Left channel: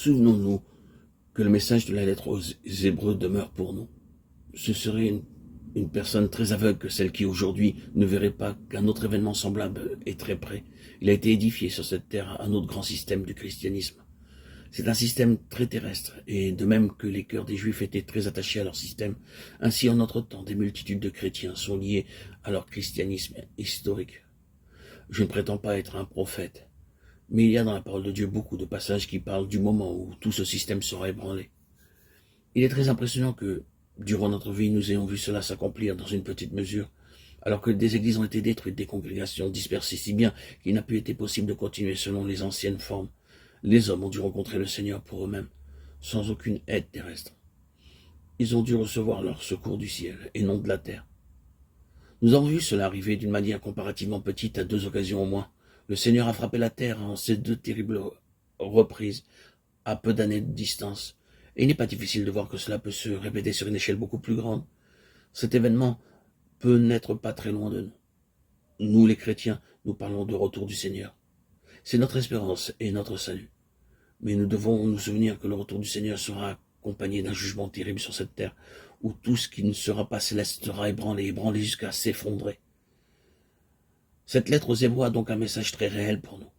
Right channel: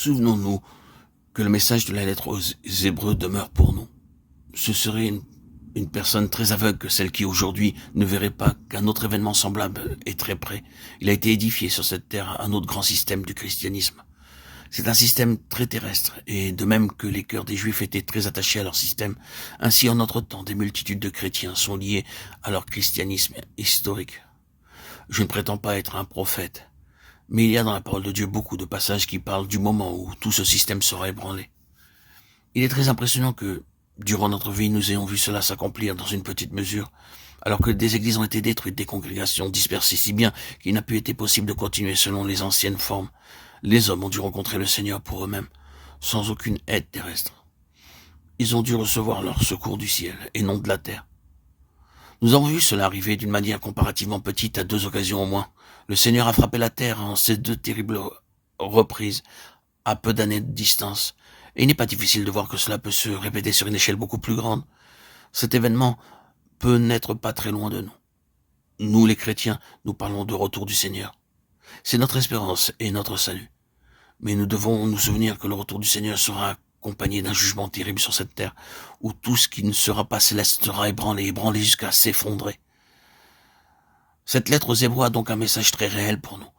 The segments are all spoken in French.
Souvenons-nous que le message de la lettre aux Hébreux demeure pour nous. Ce serait une personne très aveugle que celle qui aujourd'hui ne verrait pas qu'un autre événement semblable est très près. Il a été édifié sur cette terre un autre grand système du christianisme. C'est un système très terrestre, et de même que les cœurs des Juifs étaient très attachés à leur système, ainsi en notre temps des multitudes de chrétiens sont liés à leur christianisme historique. Je ne prétends pas être un prophète, mais il y a dans la parole de Dieu beaucoup de passages qui parlent du moment où tout ce système sera ébranlé. Il est très impressionnant que, durant notre vie, nous ayons vu cela s'accomplir dans une petite mesure, alors que des églises ont été détruites, des congrégations dispersées si bien qu'il n'a plus été possible de continuer selon les anciennes formes. Les hommes ont dû rencontrer le Seigneur pour eux-mêmes, sans aucune aide terrestre. Ils ont dû recevoir leur secours du ciel et non de la terre. Nous avons vu cela arriver d'une manière comparativement petite à 2 occasions au moins. Le Seigneur a frappé la terre en ces 2 terribles reprises, à peu d'années de distance. Et il n'est pas difficile de voir que cela peut se répéter sur une échelle beaucoup plus grande. Cet événement peut n'être pas très loin de nous. Nous, les chrétiens, nous parlons de retour du Seigneur. C'est notre espérance et notre salut. Mais nous devons nous souvenir que le retour du Seigneur sera accompagné d'un jugement terrible sur cette terre, où tout ce qui ne sera pas céleste sera ébranlé jusqu'à s'effondrer. Cette lettre aux Hébreux a donc un message très réel pour nous.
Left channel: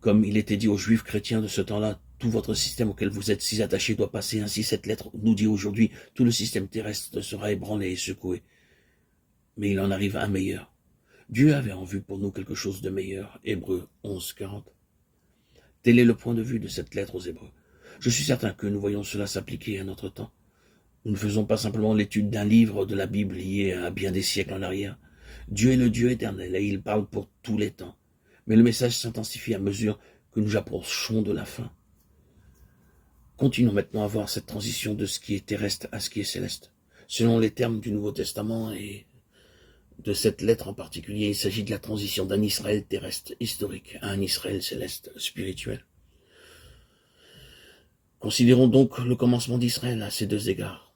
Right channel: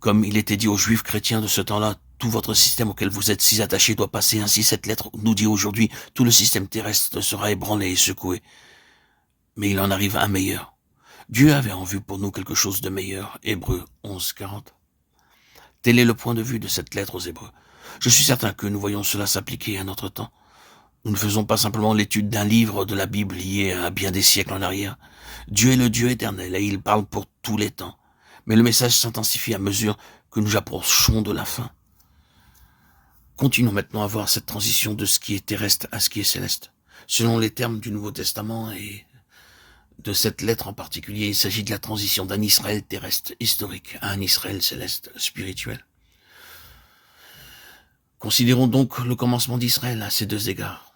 Comme il était dit aux Juifs chrétiens de ce temps-là, tout votre système auquel vous êtes si attachés doit passer. Ainsi, cette lettre nous dit aujourd'hui, tout le système terrestre sera ébranlé et secoué. Mais il en arrive un meilleur. Dieu avait en vue pour nous quelque chose de meilleur. Hébreux 11, 40. Tel est le point de vue de cette lettre aux Hébreux. Je suis certain que nous voyons cela s'appliquer à notre temps. Nous ne faisons pas simplement l'étude d'un livre de la Bible lié à bien des siècles en arrière. Dieu est le Dieu éternel et il parle pour tous les temps. Mais le message s'intensifie à mesure que nous approchons de la fin. Continuons maintenant à voir cette transition de ce qui est terrestre à ce qui est céleste. Selon les termes du Nouveau Testament et de cette lettre en particulier, il s'agit de la transition d'un Israël terrestre historique à un Israël céleste spirituel. Considérons donc le commencement d'Israël à ces 2 égards.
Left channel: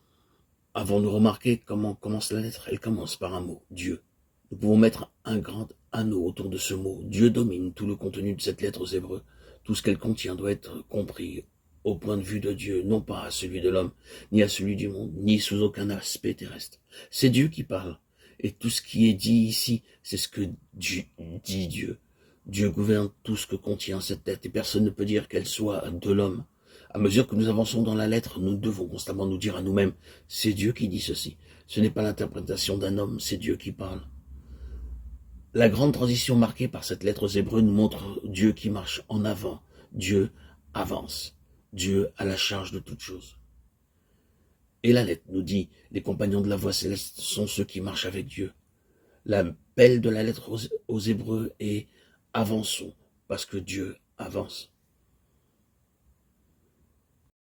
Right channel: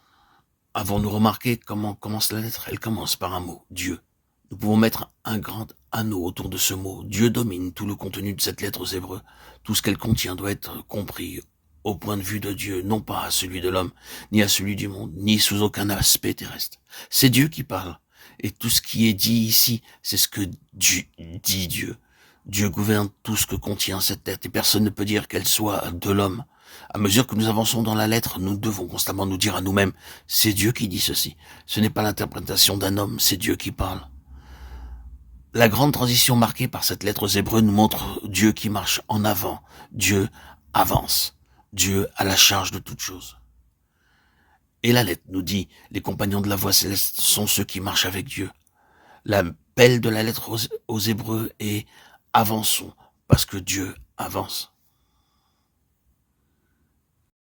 Avons-nous remarqué comment commence la lettre? Elle commence par un mot, Dieu. Nous pouvons mettre un grand anneau autour de ce mot. Dieu domine tout le contenu de cette lettre aux Hébreux. Tout ce qu'elle contient doit être compris au point de vue de Dieu, non pas à celui de l'homme, ni à celui du monde, ni sous aucun aspect terrestre. C'est Dieu qui parle. Et tout ce qui est dit ici, c'est ce que dit Dieu. Dieu gouverne tout ce que contient cette lettre et personne ne peut dire qu'elle soit de l'homme. À mesure que nous avançons dans la lettre, nous devons constamment nous dire à nous-mêmes, c'est Dieu qui dit ceci. Ce n'est pas l'interprétation d'un homme, c'est Dieu qui parle. La grande transition marquée par cette lettre aux Hébreux nous montre Dieu qui marche en avant. Dieu avance. Dieu a la charge de toutes choses. Et la lettre nous dit, les compagnons de la voie céleste sont ceux qui marchent avec Dieu. L'appel de la lettre aux Hébreux est avançons, parce que Dieu avance.